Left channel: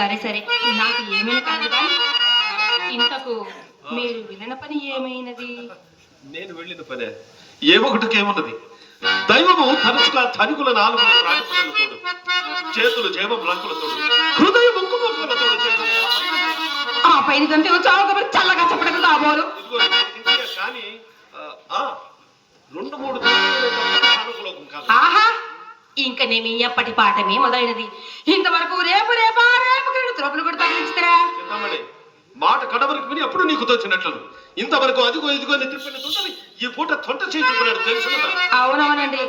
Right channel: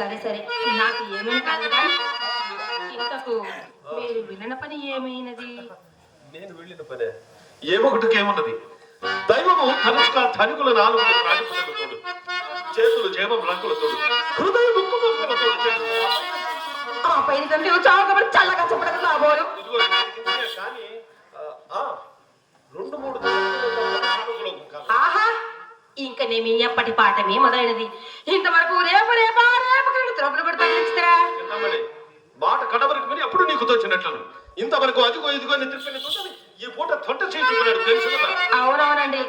సరే సరే, నాకు ఏమైనా కాదు కానీ ఇంతకు మీరు వెళ్ళిన పని ఏమైనది? నేను వెళ్ళిన పనే ఏమొకటికేమున్నది. దైవము తరచుగా ధనికుల నాలుగు చేతులు జేబం రంగులతో హృదయం ఆ పైన చల్లగా చెప్పడం కాబోలు కానీ రెండు మూడు ఆహా, ఇంక నేమి ఎప్పటి పాఠమే మొదలైనది. ఇంతవరకు రేపు రేపా రేపు త్రపులు కూడా తగిలించుతారా? మాట కడవరకు విని అప్పుడు నీకు తోచినట్లు ఇంతవరకు అదిగో ఇదిగో తిప్పినట్టు ఈ పూట తొంట చేయించుకున్నాడు తెలుసు. అవునవునండి.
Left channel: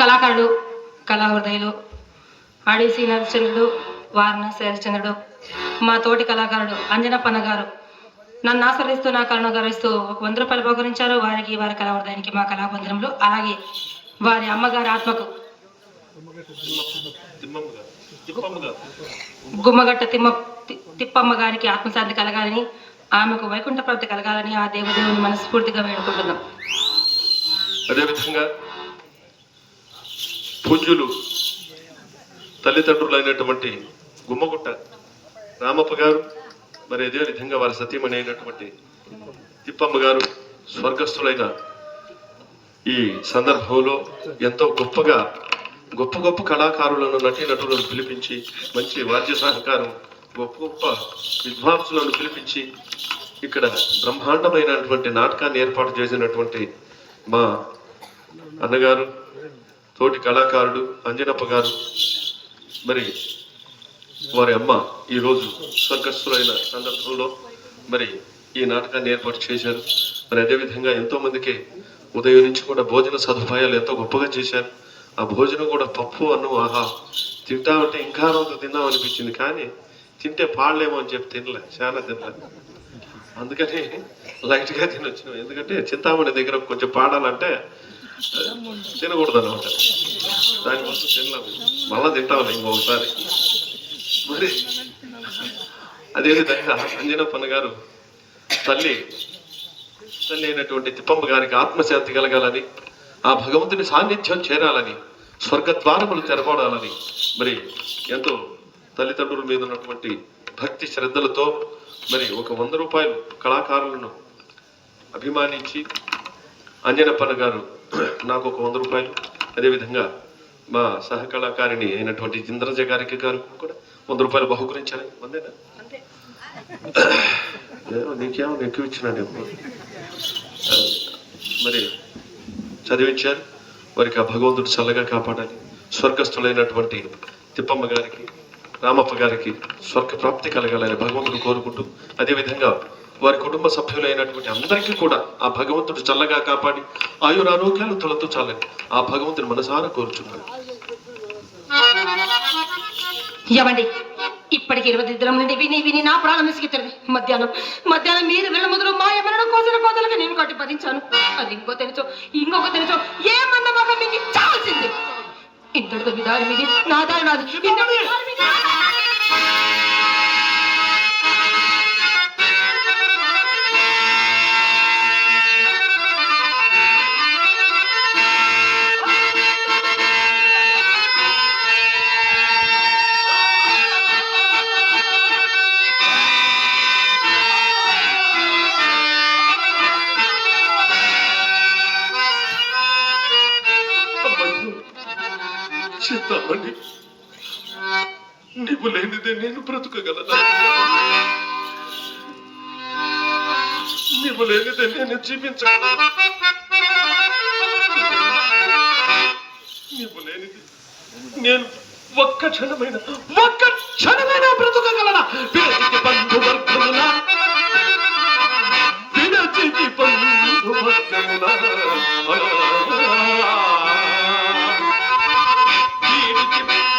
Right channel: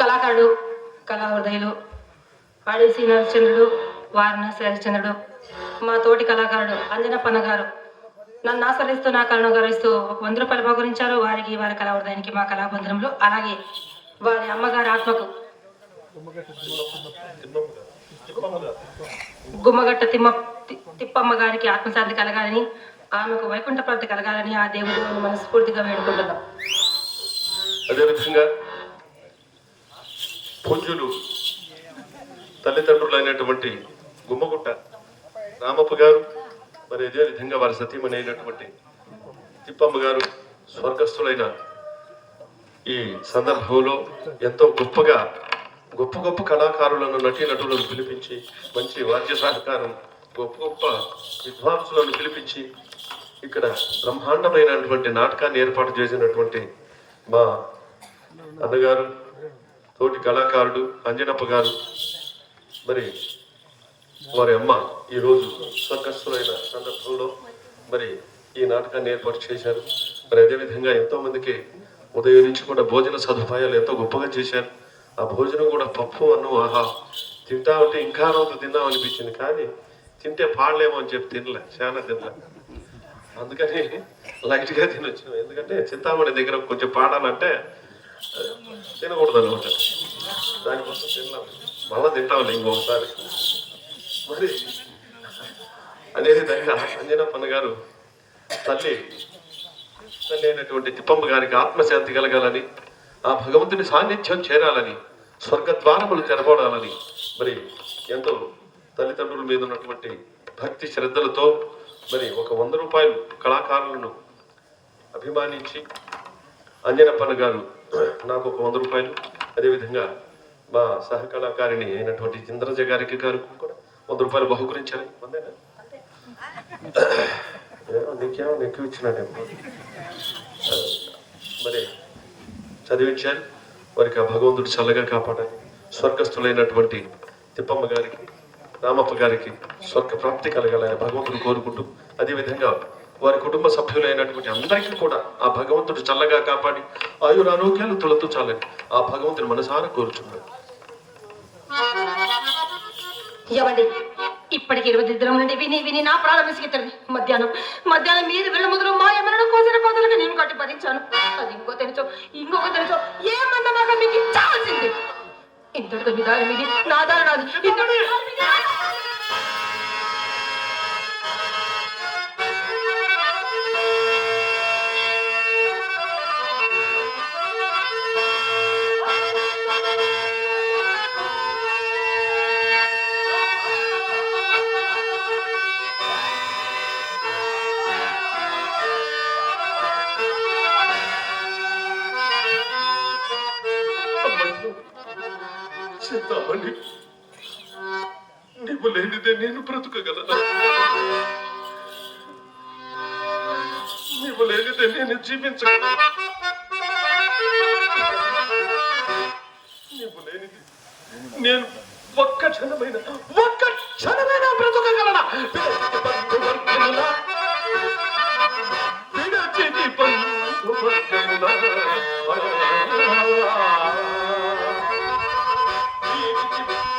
కళాకారుడు కళా హృదయులు ఆడిసి నరచంద్రుడు వారణాసి హరిశ్చంద్రుడు మా తోటి కళాకారుడు అంజనప్పన్న గారు నన్ను ఆశ్రయిస్తూ నా కళను గౌరవిస్తూ ఒక 100 రూపాయలు బహుకరించారు. వారికి వారి కళా హృదయానికి మా కళాబంధనంలో, అలాగే వారి అమ్మగారి ఆత్మకు గుమ్మగట్ట తిప్పమ్మ గారికి ఆత్మశాంతి కలగాలని, ఆమెకు వైకుంఠ ప్రాప్తి కలగాలని ఆ దేవుడిని మనస్ఫూర్తిగా వేడుకుంటున్నాం. అదేవిధంగా పూజ్యులు తల్లిదండ్రులైనటువంటి గుమ్మగుట్ట రామప్ప గారు, మరి అదే విధంగా వారి సతీమణి అయినటువంటి తిప్పమ్మ గారు స్వర్గస్థులైన ఈ సందర్భంలో ఎంతో గొప్పగా గొప్ప గొప్ప కళాకారులను నటీనటులను పిలిపించి మంచి వాద్య సహకారం గొప్ప గొప్ప విద్వాంసులను పిలిపించి ఇక్కడ బ్రహ్మాండమైనటువంటి నాటకాన్ని ఏర్పాటు చేసినటువంటి మా అన్నగారు తోటి కళాకారుడు అంజనప్ప గారు, మరి వారి అమ్మ ఈరోజు స్వర్గస్థులైన సందర్భంలో మరి ఈ నాటకాన్ని ఏర్పాటు చేశారు. మరి అదేవిధంగా ఎంతో మందికి ఉదయం నుంచి కూడా భోజన సదుపాయాలు ఎంతో గొప్పగా చేశారు. ఆ భోజనం కూడా పప్పు అన్నం ఆహా తింటా ఉంటే ఇంకా రోజు తిందాం అనిపించింది, కానీ తింటే పాడలేమో అని చెప్పి తినలే, చాలా తినలే. అందుకని లైట్గా తినొచ్చినాం. ఎందుకంటే చింతామణి దగ్గర కొంచెం పాడాలంటే తినకూడదు అనమాట, దానికోసం తిన్నాం. మళ్ళా తింటాం ఇంకొకసారి. మరి అదేవిధంగా అంజనప్పన్న గారు తల్లి అయినటువంటి తిప్పమ్మ గారికి ఆత్మశాంతి కలగాలని, ఆ భగవంతుని సాన్నిధ్యం చేరాలని, స్వర్గద్వారములు తెరవడాలని మరి ఎంతో తల్లిదండ్రుల మీద ఉన్నటువంటి భక్తి శ్రద్ధలతో మరి ఒక 100 రూపాయలు కళాకారులను అభిమానించి అంజనప్పన్న గారు నాకు ఒక 100 రూపాయలు, అదేవిధంగా మా సహకళాకారిణి అయినటువంటి ఇంద్రజ గారికి గారు కూడా 100 రూపాయలు బహుకరించారు. అంతేనా? నీకేమో ఎక్కువ ఇచ్చినాడు. మరి చదివించారు. వారికి ఆ భగవంతుడు చల్లగా కాపాడాలి. స్వర్గస్థులైనటువంటి తిప్పమ్మ గారికి రామప్ప గారికి స్వర్గ ప్రాప్తి కలగాలని భగవంతుడు కోరుకుంటూ, అదేవిధంగా వారి కుటుంబ సభ్యులైనటువంటి అందరికీ కూడా ఆ భగవంతుడు చల్లగా కాపాడి ఆయురారోగ్యాలు తొలతూ చాలని ఆ భగవంతుని మనసారా కోరుచున్నాడు. ఏమండి, ఇప్పటికి 20 దినం నుండి విని విని నా ప్రాణం విసిగితుంది. మధ్యాహ్నం మీరు వెళ్ళ మొదలు మా ఎవరినో కోసలుగా నేను కట్టి భరించాను. అది ఇంకొక తెలుసో ఏ మందమాక మీకు చావాల్సింది. ఇంతటితో విధానం మీది, నా దారి నాది. చింతామణి, నీవు లేనిదే నేను బ్రతుకగలనా? నీవు లేనిదే నేను జీవించగలనా? నీవు లేనిదే నేను ఒక్క క్షణమైన బ్రతుకగలనా? విడచితి బంధువర్గమునా, విడచితి బంధువర్గమునా,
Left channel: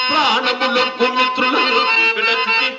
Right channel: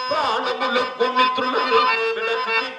ప్రాణములకు మిత్రులను విడచితి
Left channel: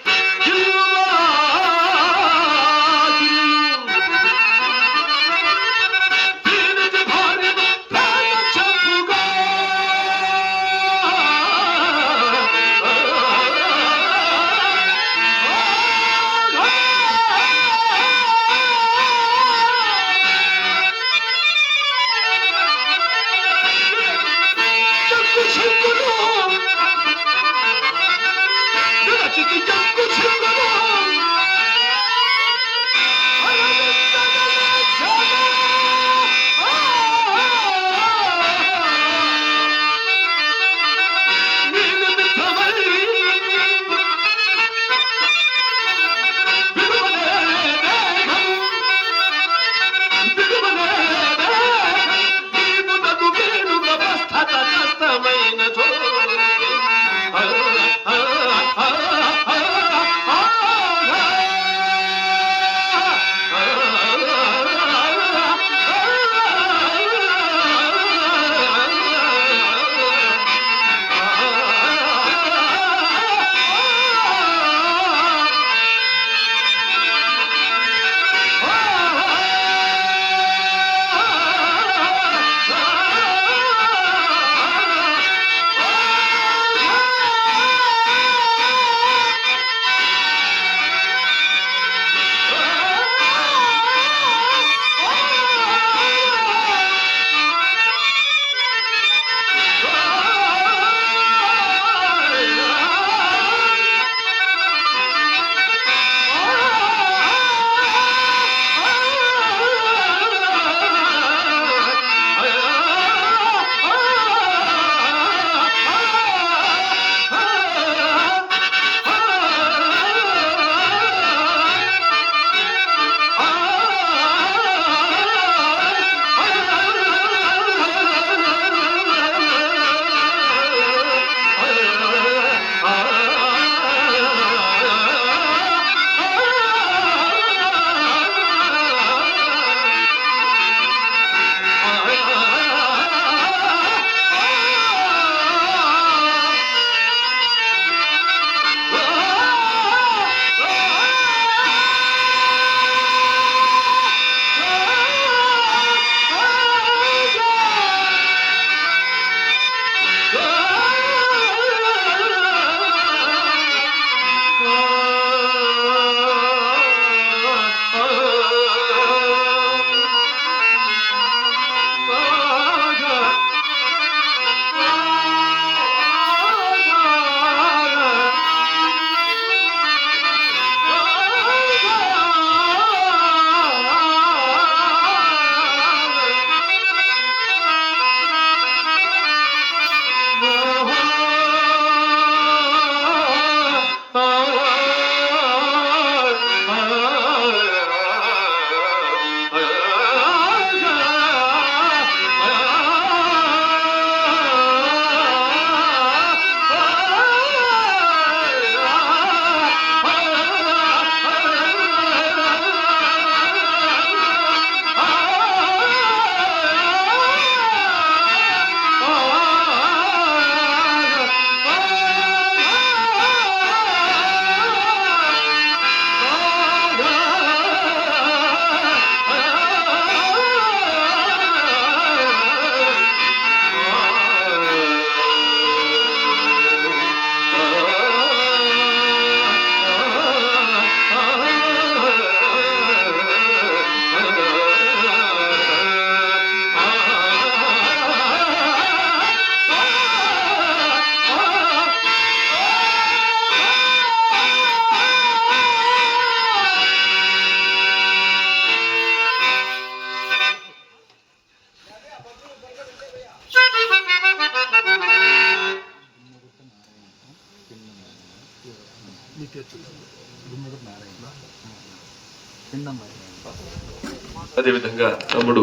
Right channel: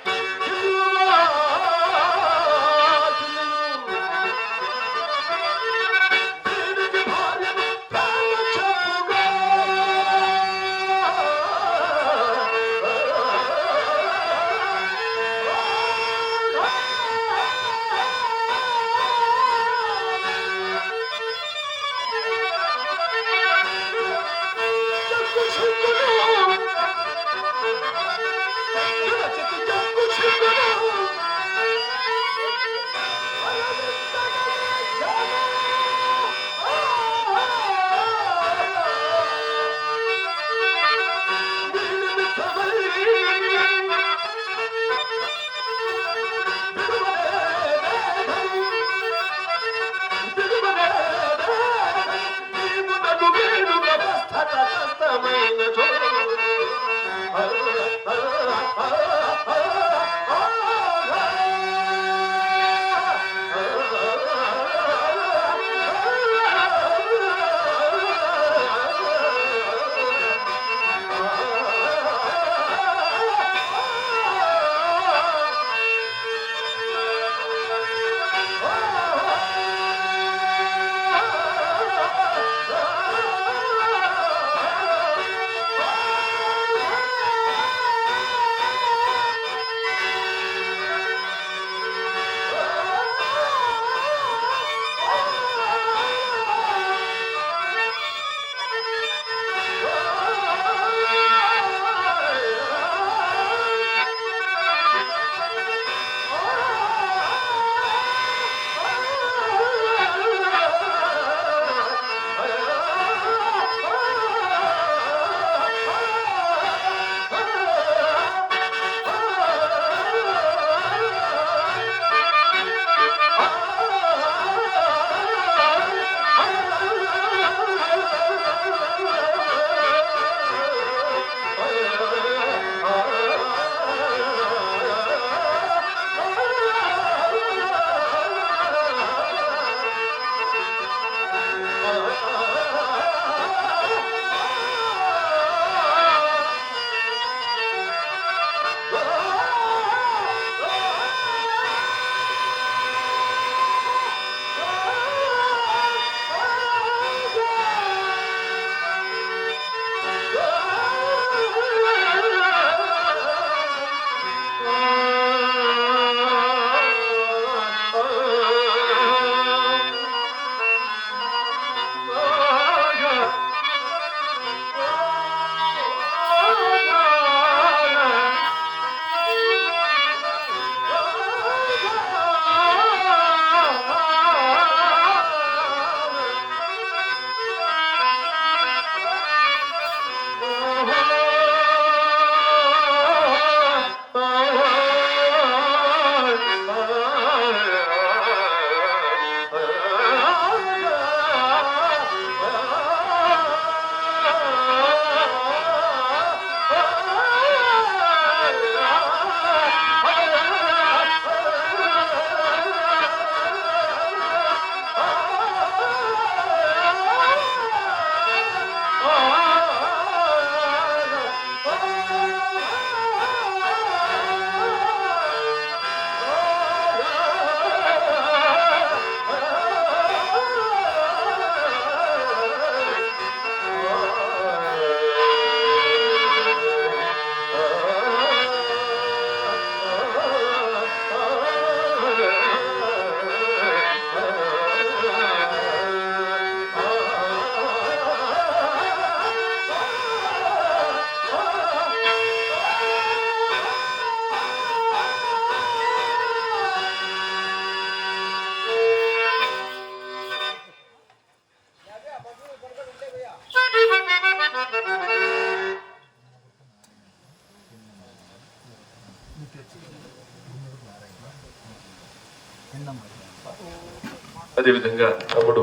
అదేవిధంగా తమ్ముడు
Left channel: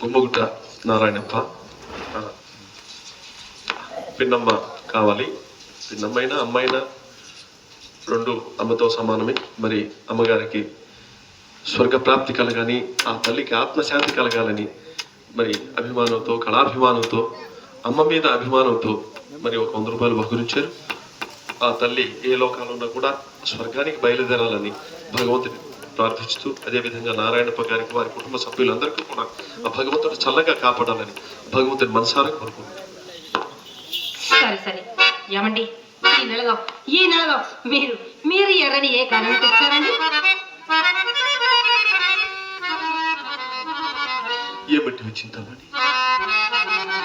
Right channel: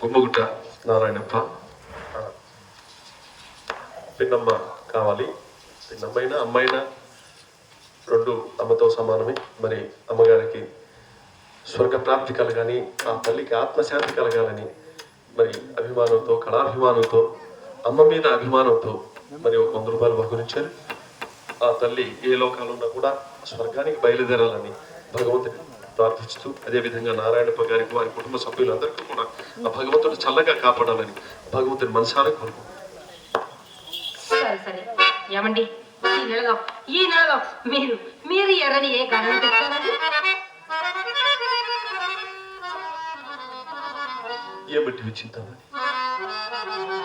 గుమ్మగుట్ట నారాయణప్ప పిన్నమ్మ కావాలి. పిన్నమ్మైనా అమ్మైనా రెండు అమ్మతో సమానమే. మరి అమ్మగారికి స్వర్గప్రాప్తి కలగాని, ఆ తల్లికి ఆత్మశాంతి కలగాలని మరి అభిమానంతో, కళాభిమానంతో, అమ్మ మీద అభిమానంతో మరి ఒక 100 రూపాయలు బహుకరించారు. ఆ తల్లి ఏ లోకంలో ఉన్నా కూడా స్వర్గానికి బయలుదేరాలని భగవంతుని ప్రార్థిస్తూ, అదేవిధంగా నారాయణప్ప గారికి వారి కుటుంబ సభ్యులందరికీ కూడా ఆ భగవంతుడు చల్లగా కాపాడాలని భగవంతుని మనసారా కోరుకుంటున్నారు. సరే సరే ఏమండి, ఈ నెలలో మీరు ఎర్రని ఏ గణన తెచ్చారండి? ఏమిటి చింతామణి,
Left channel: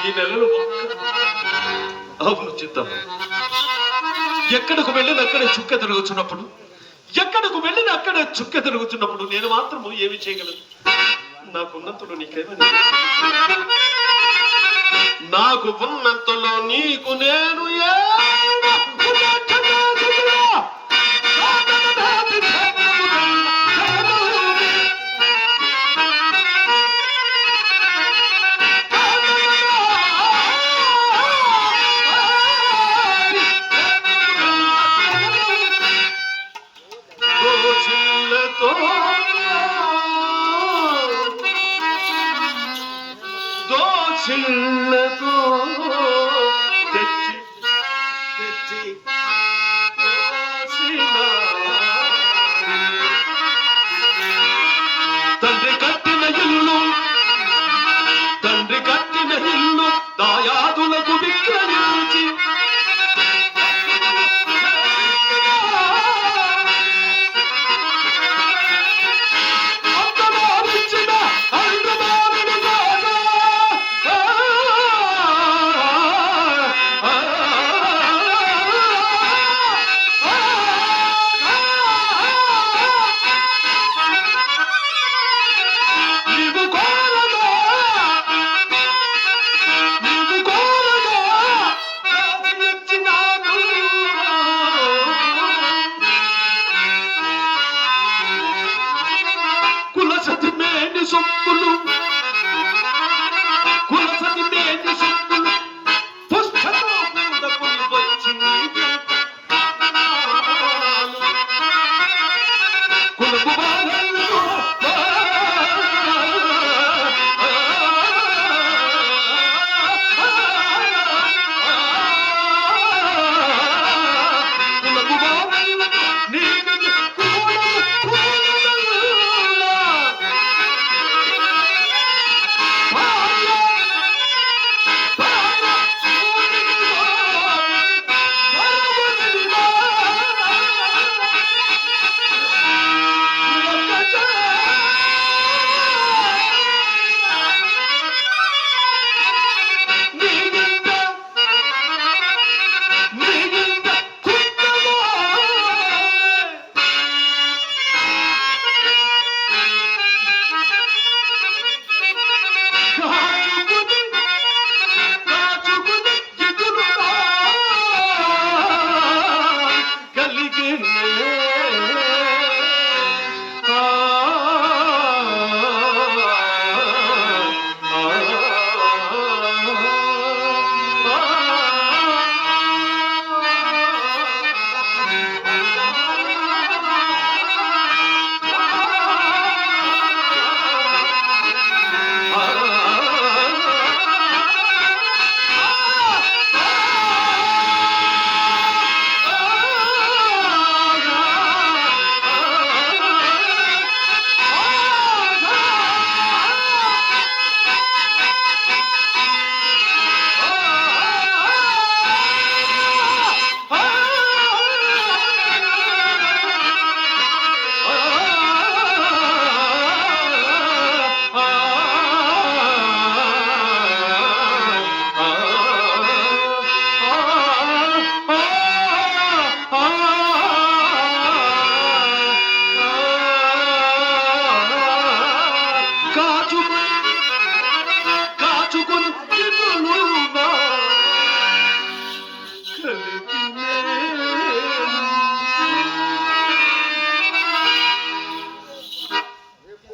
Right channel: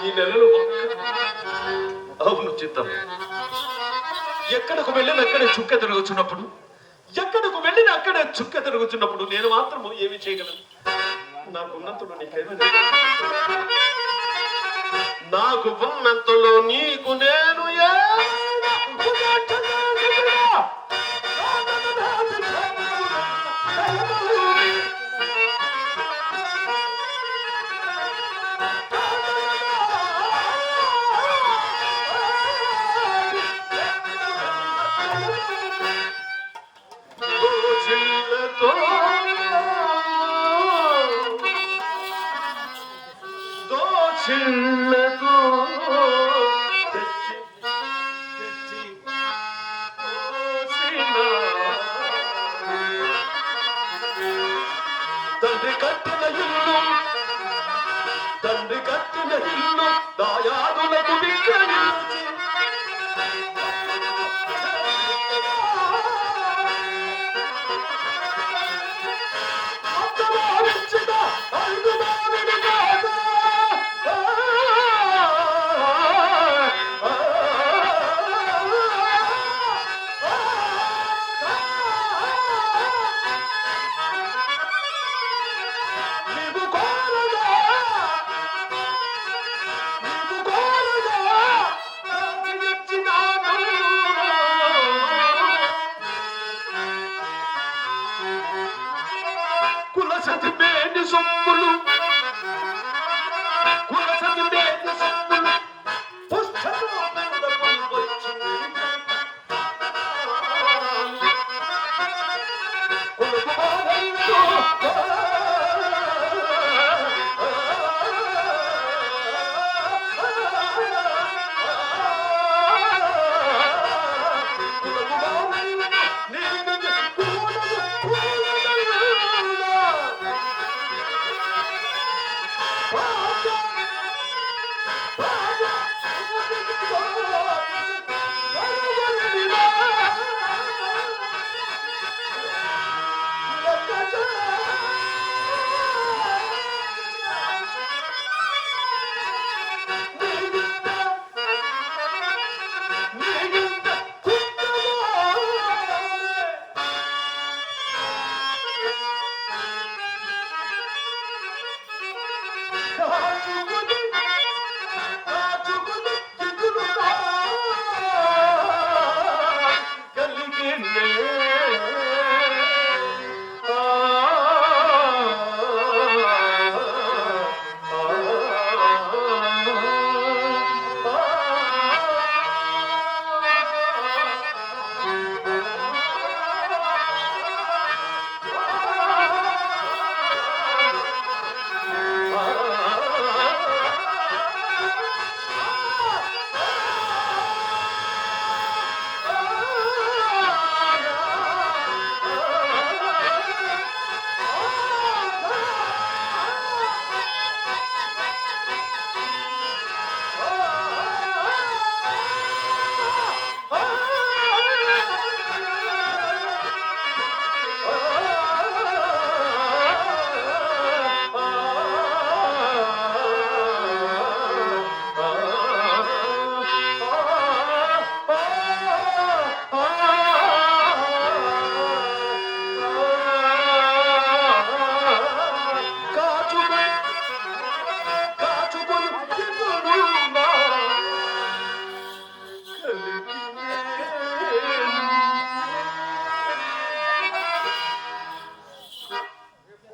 ఈ నెలలో అవును చిత్తం. ఎక్కడకు వెళ్ళిన అక్కడే చుక్క తిరుగుతున్నప్పుడు, ఎక్కడకు వెళ్ళిన అక్కడే చుక్క తిరుగుతున్నప్పుడు నేను మాత్రం ఏమి చేయగలను? నాకున్నంతలో నీకేమైనా, నాకు ఉన్నంతలో నీకు నేను చిన్నతో తెచ్చి తెచ్చి తండ్రి కట్టిన ఇల్లు, తండ్రి కట్టిన ఇల్లు దాయాదులకు విక్రయించి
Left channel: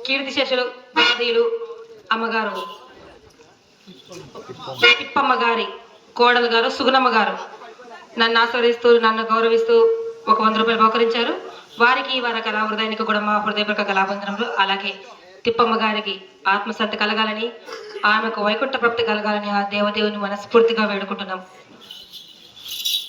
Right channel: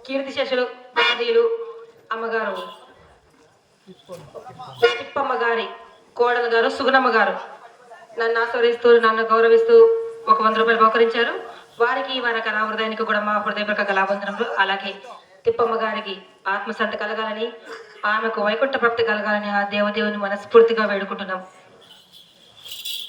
కీర్తిశేషులు భారతీయులు అమ్మగారు తిప్పమ్మ గారి కోడలు గారు సుగుణమ్మ గారు నన్ను ఆస్వాదిస్తూ నన్ను గౌరవిస్తూ ఒక 100 రూపాయలు బహుకరించారు. వారికి వారి కళా హృదయానికి కూడా మా హృదయపూర్వక కళాబంధనములు. అలాగే తిప్పమ్మ గారికి ఆత్మశాంతి కలగాలని, ఆమెకు వైకుంఠ ప్రాప్తి కలగాలని ఆ దేవదేవుని మనస్ఫూర్తిగా వేడుకుంటున్నాం.